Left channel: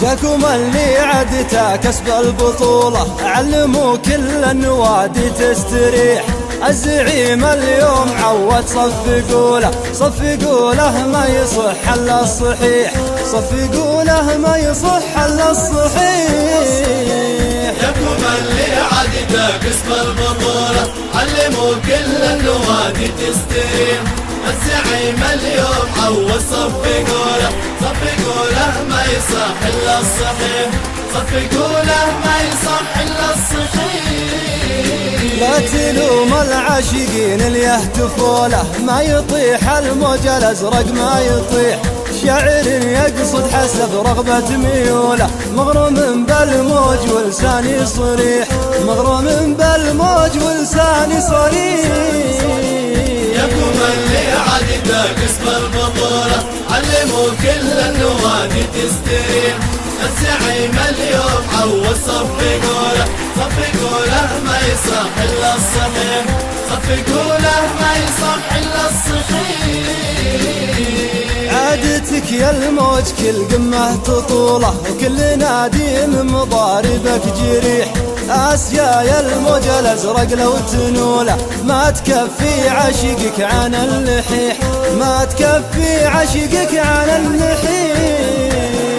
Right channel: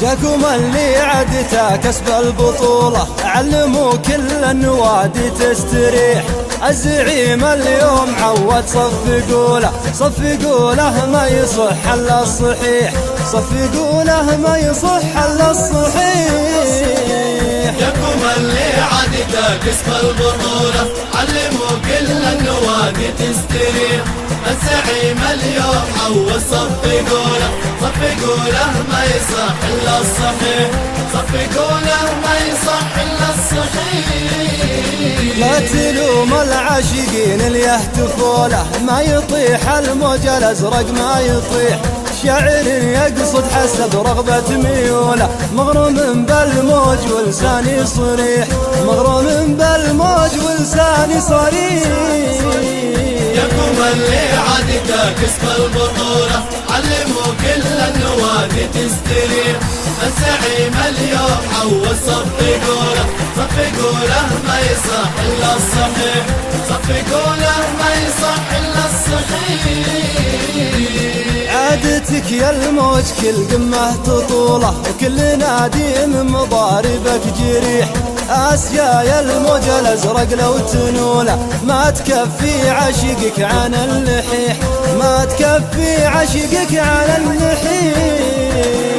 جاكم اللي عدته كسب البطولة، علموا كل النوادي تستريح. الزعيم اليوم عود صفقوا له ما يصح الا الصحيح، صفقوا له ما يصح الا الصحيح. جاكم اللي عدته كسب البطولة، علموا كل النوادي تستريح. الزعيم اليوم عود صفقوا له ما يصح الا الصحيح، صفقوا له ما يصح الا الصحيح. لا تلوم العاشقين اللي يهتفوا له، ما يطيح الموج الازرق ما يطيح. شاعر يقصد حسب رغبة ميوله، مغروم بالموج ولساني صريح، مغروم بالموج ولساني صريح. علموا كل النوادي تستريح. الزعيم اليوم عود صفقوا له ما يصح الا الصحيح، صفقوا له ما يصح الا الصحيح. عادتك يا الموج كل قمة تطوله، وكل نادي من مضاربك جريح. آسيا يا الموج الأزرق لو تنوله، ما تكفي عشقك عن اللحيح، ما تكفي عشقك عن اللحيح.